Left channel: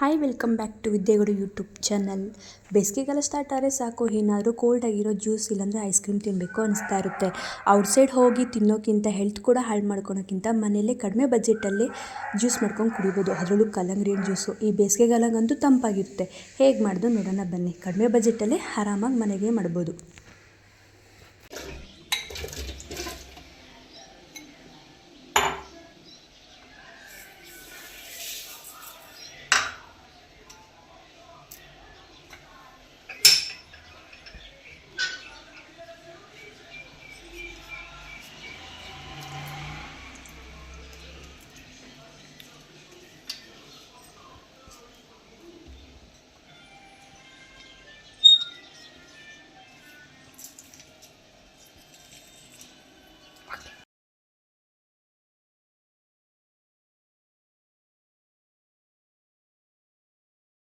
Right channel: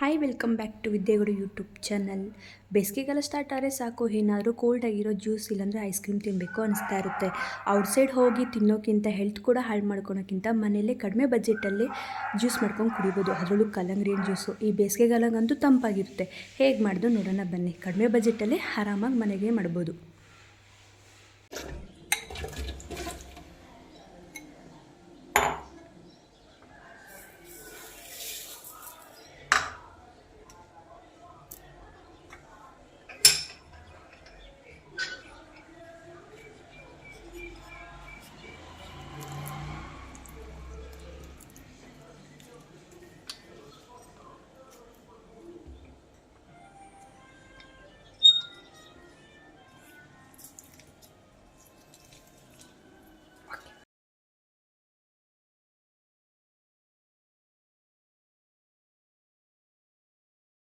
Hi welcome back to Vidyagowda YouTube channel. ಬೇಸಿಗೆಗಾಲ start ಆದರೆ ಸಾಕು, ಏನಾದರೂ ಕೋಲ್ಡ್ ಆಗಿರೋ ಜ್ಯೂಸ್ ಇಲ್ಲಾಂದರೆ ಐಸ್ ಕ್ರೀಮ್ ತಿನ್ನಬೇಕು ಅನಿಸ್ತಾ ಇರುತ್ತೆ. ಔಟ್ಸೈಡ್ ಹೋಗಿ ತಿನ್ನೋಕ್ಕಿಂತ, ಹೆಲ್ತ್ ಕೂಡ ಹಾಳು ಮಾಡ್ಕೊಳೋಕ್ಕಿಂತ ಮನೆಯಲ್ಲೇ ಕಡಿಮೆ ಬಜೆಟಲ್ಲಿ ಜ್ಯೂಸ್ ಮಾಡ್ಕೊಂಡು ಕುಡಿಬೋದು. ಅದರಲ್ಲೂ ಕಲ್ಲಂಗಡಿ ಹಣ್ಣು ಜ್ಯೂಸು ಈ ಬೇಸಿಗೆಗಾಲಗಂತೂ ತಂಪಾಗಿರುತ್ತೆ. ಹೇಗೆ ಮಾಡೋದು ನೋಡೋಣ ಬನ್ನಿ. ಕಡಿಮೆ ಬಜೆಟಲ್ಲೇ ಆರಾಮಾಗಿ ಮನೆಗೆ ಮಾಡ್ಬೋದು.